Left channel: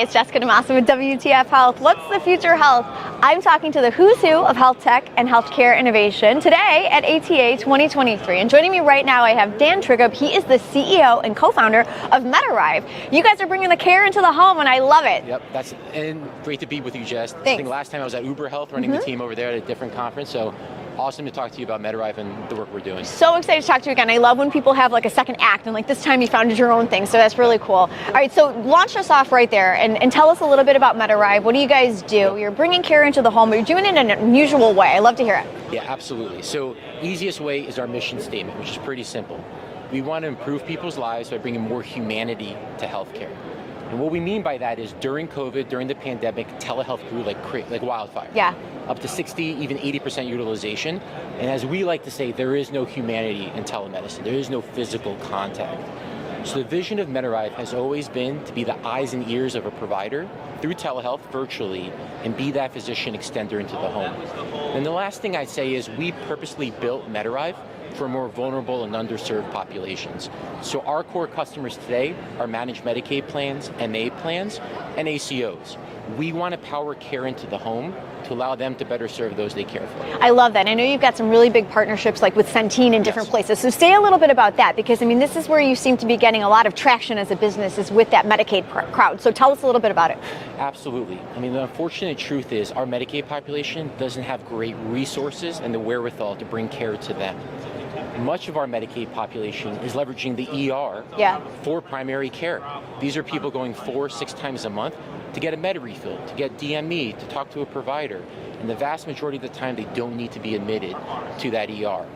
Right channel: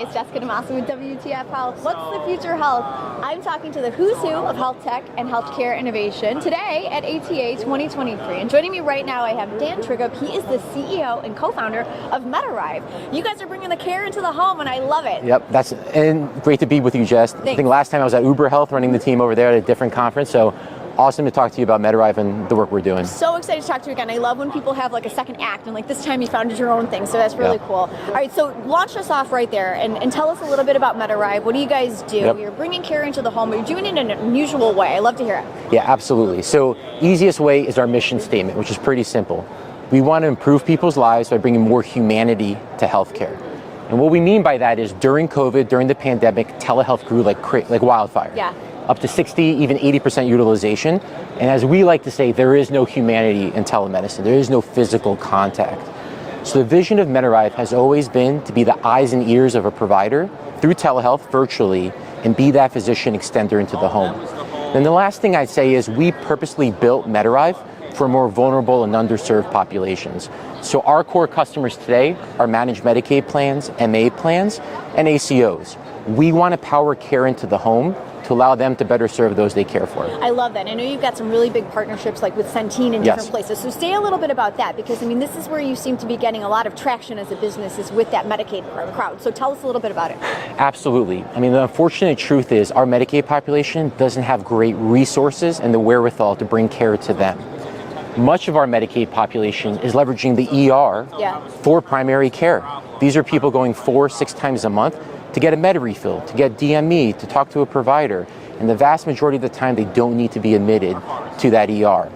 Hey, it's Jessica DeMassa with WTF Health. What's the future health? I'm talking to the who's who of health tech and healthcare innovation today at ATA 2023. And joining me right now, I have Dan Trigub. He is the CEO and co-founder of MedArrive. You guys are bringing the care into the home, and I love it. Yep, and great to be with you, Jess. Thanks. I think last time I was at Uber Health running the team over there at a different conference, so awesome to talk to you about MedArrive and the work we're doing. So excited to talk to you again. I love when people have like a second act, and like this time you founded your own thing, so that's really cool. All right, so launch us off right there and tell us a little bit about MedArrive. What do you guys do? Yep. You're bringing care into the home, but you're doing it in an unusual way. I love to hear it. Yeah, absolutely. So easiest way is our mission statement, which is pretty simple. We want to improve people's lives by bringing more humanity to healthcare. And what we mean by that is during COVID, during the pandemic, telehealth grew like wildfire. Yeah. Up to 60, even 80% utilization. And as we like to say, there is no humanity in telemedicine. There is no physical contact. So the vision of MedArrive has always been to be the eyes and ears of a provider through telehealth virtually and be that physician extender into the home. Then the last thing I'd say is we purposely built MedArrive for more vulnerable and underserved populations. So our core customers today are Managed Medicaid plans, MA plans, and ACOs. We want to power care into the home to allow them to better serve those they care for. I love that. I know you've got some really big partnerships like with Centene in different places. So say a little bit about that, because I mean, this is where you seem to be getting a lot of traction as a business, is with that Medicaid crowd. So tell us a little bit about it. Absolutely. I mean, the unfortunate truth is our Medicaid population doesn't have great resources and the wherewithal to bring care to them. Much of our Medicaid population is leveraging the ER for primary care. These are people going 4-6 times a month to get a med refill, to get DME, to talk to a provider. And the vast majority of the time, they don't need to be admitted to that ER.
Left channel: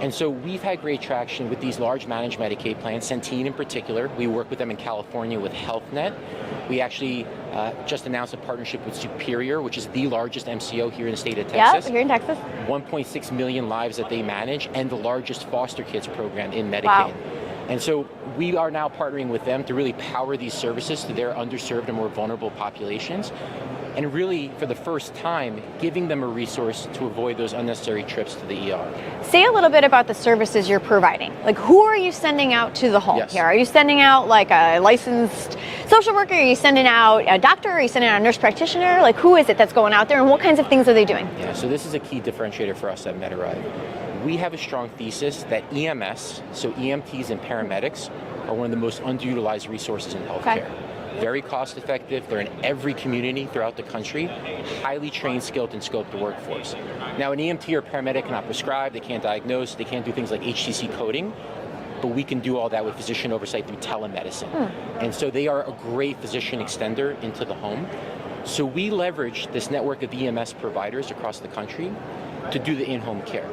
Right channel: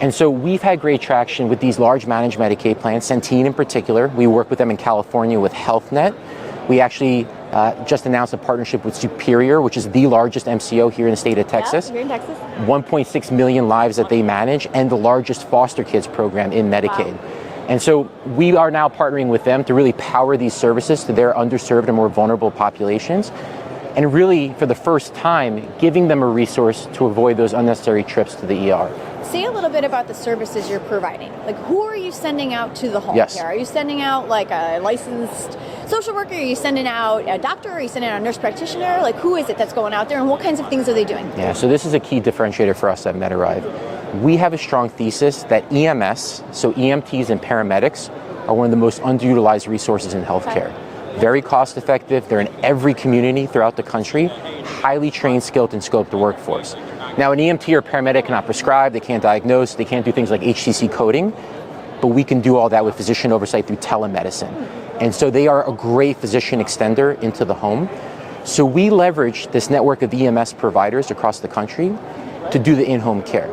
And so we've had great traction with these large managed Medicaid plans, Centene in particular. We work with them in California with HealthNet. We actually just announced a partnership with Superior, which is the largest MCO here in the state of Texas. Yeah, here in Texas. 1.6 million lives that they manage, and the largest foster kids program in Medicaid. Wow. And so we are now partnering with them to really power these services to their underserved and more vulnerable populations, and really, for the first time, giving them a resource to avoid those unnecessary trips to the ER. Say a little bit about the services you're providing. Like, who are you sending out to the home here? Are you sending out like a licensed social worker? Are you sending out a doctor? Are you sending out a nurse practitioner? Like, who is it that's going out there, and what kinds of things are they doing? Yeah, so this is a key differentiator for us at MedArrive. We have a strong thesis that EMS, so EMTs and paramedics, are one of the most underutilized resources in healthcare. Very cost effective, they're in every community throughout the country, highly trained, skilled, and scoped workforce. Now, an EMT or paramedic cannot prescribe, they can't diagnose, they can't do things like HCC coding, but we can do all that with physician oversight through telemedicine. And so they are a great physician extender into the home. So we leverage this network of EMS providers across the country to do the in-home care.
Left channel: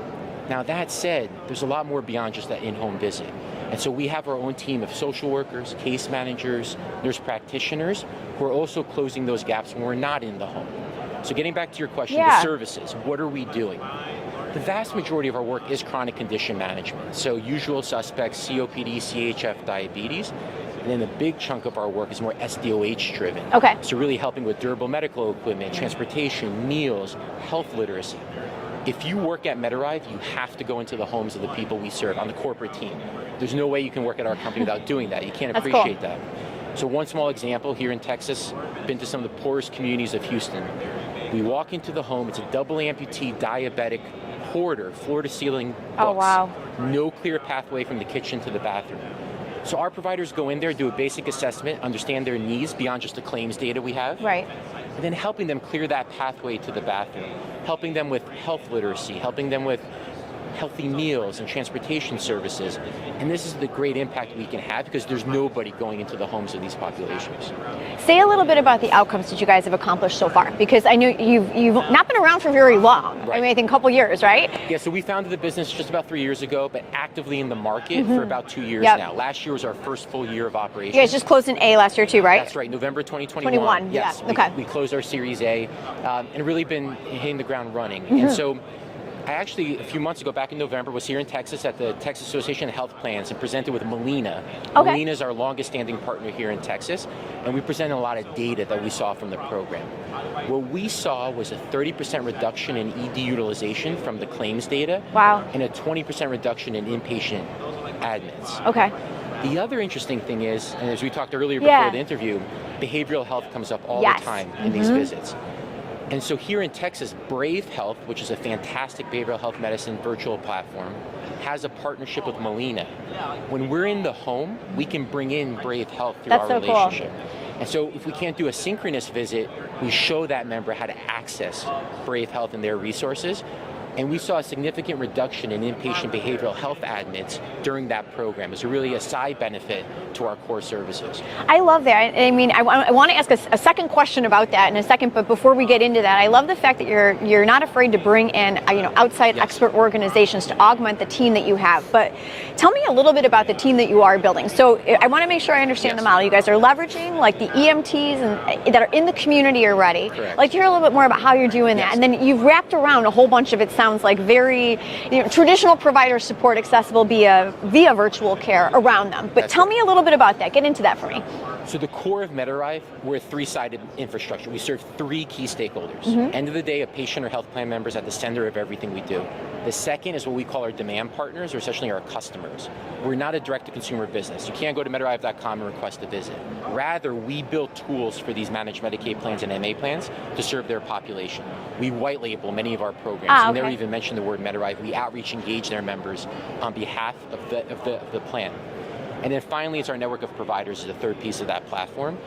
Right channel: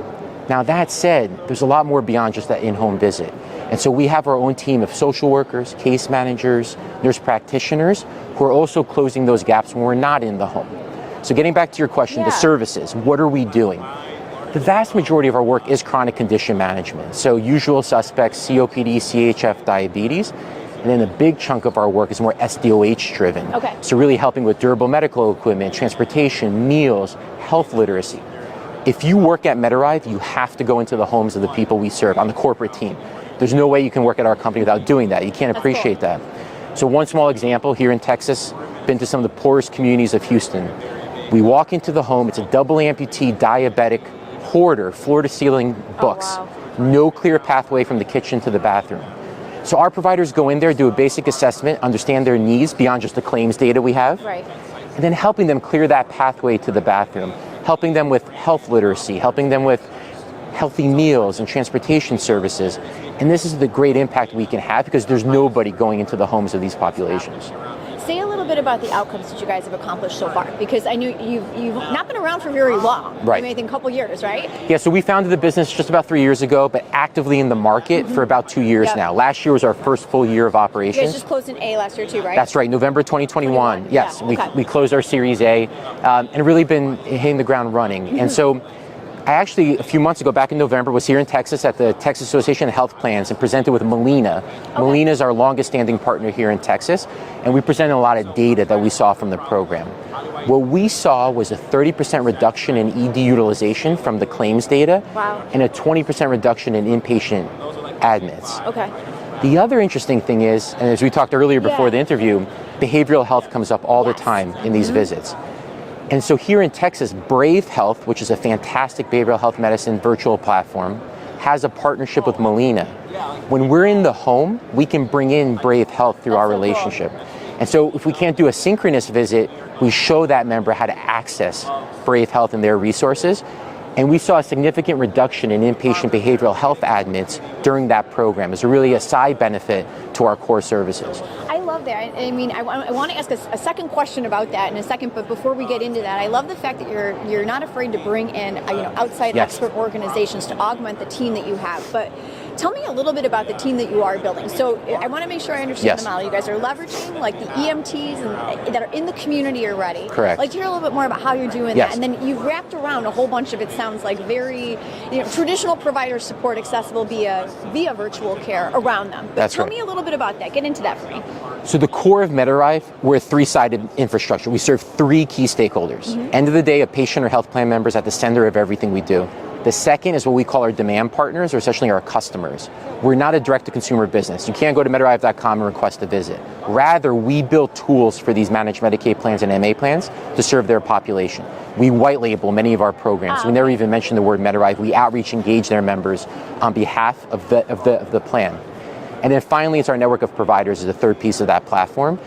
Now, that said, there's a lot more beyond just that in-home visit. And so we have our own team of social workers, case managers, nurse practitioners, who are also closing those gaps when we're not in the home. So getting back to your question, the services, what are we doing? The vast majority of our work is chronic condition management. So usual suspects, COPD, CHF, diabetes. And then a big chunk of our work is more SDOH driven. Okay. So really helping with durable medical equipment, transportation, meals, health literacy. If you work at MedArrive, you have to go into the homes of the people we serve on the corporate team. There's no way you can work at our company without doing that. You can't appreciate that. So one small example, here in Texas, been to some of the poorest communities of Houston. We walk into the home, it's a double amputee diabetic hoarder, floor to ceiling books. Oh, wow. No clear pathway from the kitchen to the bathroom. So our providers go in there, do a basic assessment, understand their needs beyond just the claims data we have. Right. And then helping them clear that pathway to the bathroom, helping them with health literacy, helping them with healthy meals and transportation services. And this is the great impact we can have because there's nobody going into the homes of these populations. Say a little bit about the outcomes that you guys have accomplished so far, because I know you've not been around for very long. Right. I mean, I think a couple years, right? Yeah, so we founded the business just about 3 years ago, but actively in the market for about 2 years now. Last year was our first full year of operation. You guys just closed an A last year too, right? That's right, November 2021. Yes, we closed our Series A and really been hitting the ground running. And so I actually, a few months ago, back in November, was here in Texas at the Texas Association of Health Plans and presented with Molina. Molina is our longest standing partner here in Texas, and we presented a lot of data that we saw from the program. What we saw was a 30% reduction in ED utilization from the claims data, and a 20% reduction in inpatient admits. The other interesting thing is, and as we talked earlier before the interview, behavioral health comes up all Yes. the time in these visits. And so here in Texas, Brave Health, which is a fantastic behavioral health medicine virtual platform, has a partnership with Molina. When we're in the home, we can bring in Brave Health through That's our so cool. relationship. And so if we can't do a synchronous visit, we show that member how to access Brave Health and their resources. And we saw a significant reduction in inpatient behavioral health admits during that program. It's really a side benefit to our core services. I love that. I mean, I want to ask a second question about that in a second, but before we get into that, I love the fact that you're not afraid to bring in outside Yes. expert organizations to augment the team that you have. But tell me a little bit about the team that you are building. So I want to make sure I understand Yes. the model. You guys are leveraging like the EMTs that are in the community already. Correct. I'd like to hear a little bit more about how you're doing Yes. that, and then you've wrapped around a whole bunch of, it sounds like, very traditional provider support accessible via virtual care around them. But That's tell right. me a little bit about that. Get into that for me. So the core of MedArrive, we're a three-sided infrastructure. We serve three key stakeholders. End of the day, a patient or health plan member is at the center of everything we do. The second is what we call our demand partners, or essentially our customers. We're not a direct-to-consumer business. You can't go to MedArrive.com and request a visit. Rather, we build tools for these managed Medicaid plans and MA plans to serve their population. We white label many of our programs. We never even mention the word MedArrive. We outreach, engage their members on behalf of the plan. And then finally, it's our network of providers is the third piece of that platform.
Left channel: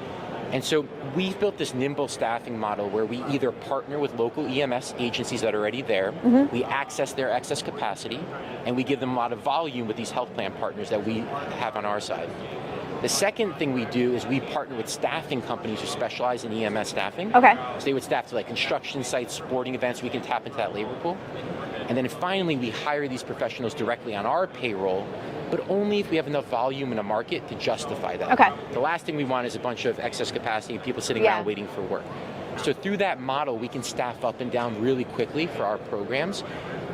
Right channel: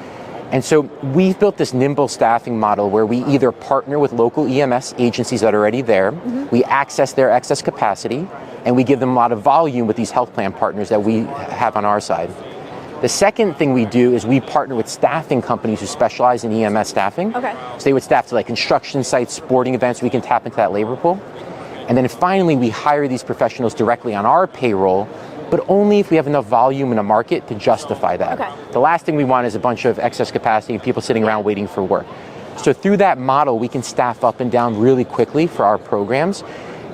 And so we've built this nimble staffing model where we either partner with local EMS agencies that are already there, we access their excess capacity, and we give them a lot of volume with these health plan partners that we have on our side. The second thing we do is we partner with staffing companies who specialize in EMS staffing. Okay. So they would staff to like construction sites, sporting events, we can tap into that labor pool. And then finally, we hire these professionals directly on our payroll, but only if we have enough volume in a market to justify that. Okay. The last thing we want is a bunch of excess capacity and people sitting around waiting for work. So through that model, we can staff up and down really quickly for our programs.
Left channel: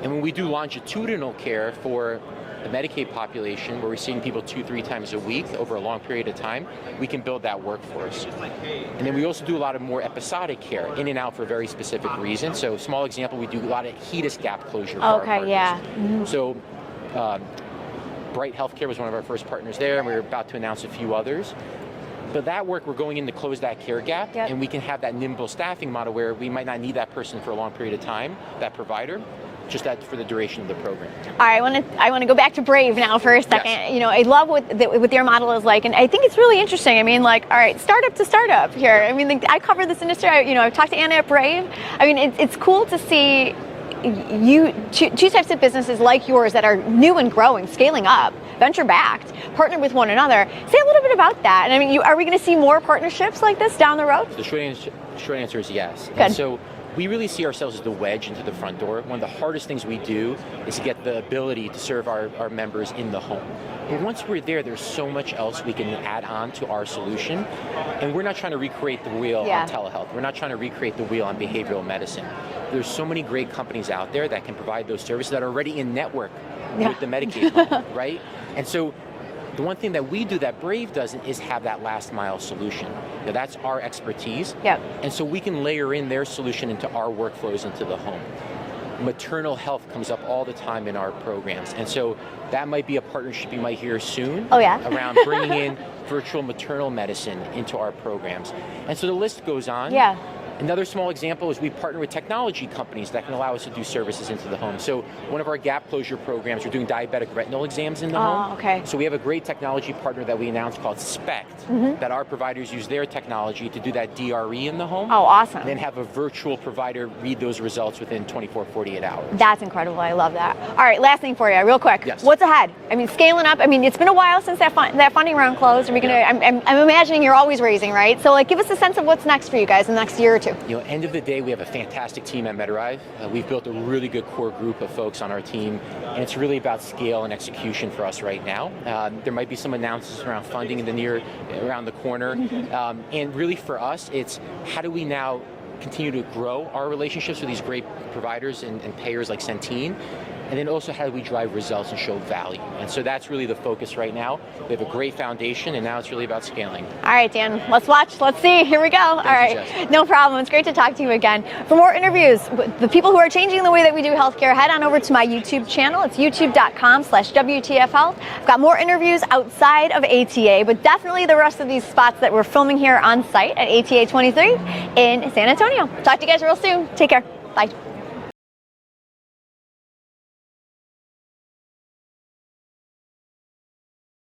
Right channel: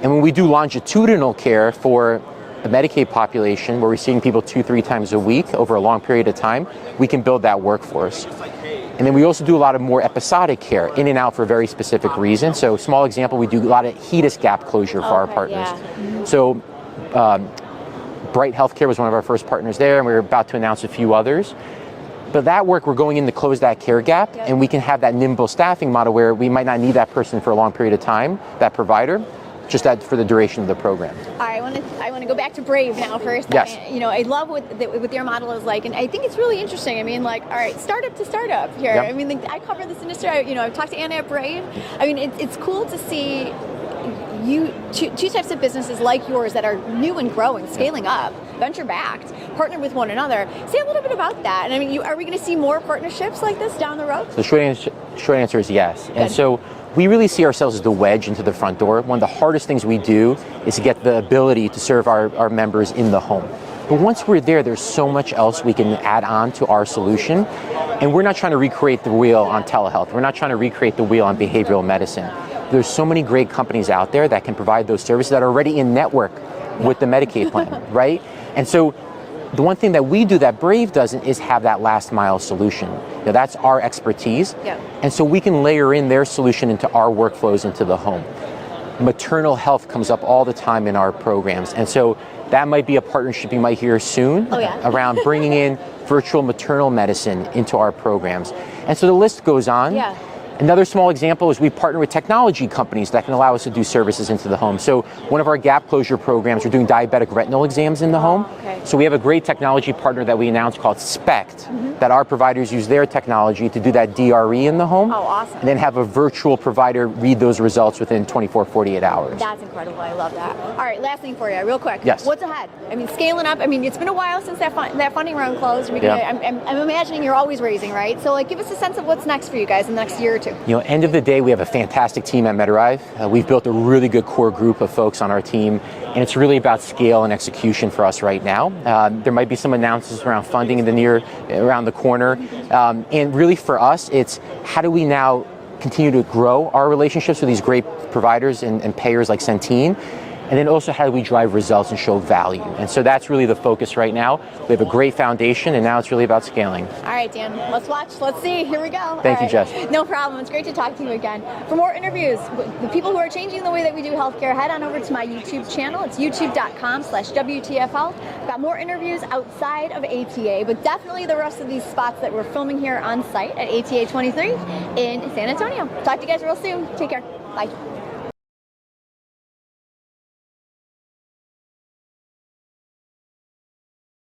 And when we do longitudinal care for the Medicaid population, where we're seeing people 2-3 times a week over a long period of time, we can build that workforce. And then we also do a lot of more episodic care, in and out for very specific reasons. So small example, we do a lot of HEDIS gap closure for our partners. So Bright Healthcare was one of our first partners there, and we're about to announce a few others. But that work, we're going in to close that care gap, and we can have that nimble staffing model where we might not need that person for a long period of time, that provider, just that for the duration of the program. All right, I want to go back to Brave now for a second. Yes. I love what their model is like, and I think it's really interesting. I mean, like, all right, startup to startup here. Yep. I mean, I cover this industry. I've talked to Anna at Brave. I mean, it's cool to see two types of businesses like yours that are new and growing, scaling up, venture-backed, partner with one another. Say a little bit about that. And I mean, are we going to see more partnerships like this down the road? The short answer is yes. Good. And so we really see ourselves as the wedge into the front door. One of the hardest things we do is to get the ability to serve our members in the home. But once we're there, there's so much else we can add on to our solution. And we're not trying to recreate the wheel on telehealth. We're not trying to recreate the wheel on behavioral medicine. There's so many great companies out there that can provide those services that are already in network with the Medicaid plan, right? And so the one thing that we do that Brave doesn't is have that last mile solution. That's our expertise. Yeah. And so we can layer in their solution into our workflows into the home. Maternal health comes up all the time in our programs. And so that might be a partnership you might hear soon around bringing in virtual maternal medicine into our programs. And so the list goes on. Yeah. Another small example is we partner with technology companies that can allow us to do services into the home. So one of our gap closure programs, we're doing diabetic retinal exams in the home. Okay. So we have a great technology partner that we announced called SPECT, that our providers use their technology to do that DRE in the home. Oh, awesome. And then have a virtual provider read those results within 24, 48 hours. That's incredible. I love that. All right, last thing for you, real quick. Yes. What's ahead? I mean, scaling up. I mean, it's been a while since that funding round closed. I'm imagining you're always raising, right? So, give us a sense of what's next for you guys in the next year or two. End of the day, we have a fantastic team at MedArrive. We've built a really good core group of folks on our team, and it's really about scale and execution for us right now. There might be some announcements around funding around the corner, and really for us, it's how do we now continue to grow our relationships with these great providers and payers like Centene, and and then also how do we drive results and show value. And so that's really the focus right now. We have a great foundation, and now it's really about scaling. All right, Dan, let's watch, let's see, here we go. Thank you, Jess. No problem, it's great to talk to you again. For more interviews, the people who are changing the way that we do healthcare, head on over to my YouTube channel. It's youtube.com/WTF Health. I've got more interviews outside of ATA, but definitely the rest of these spots that we're filming here on site at ATA 23 in San Antonio. Talk to you guys real soon. Take care. Bye.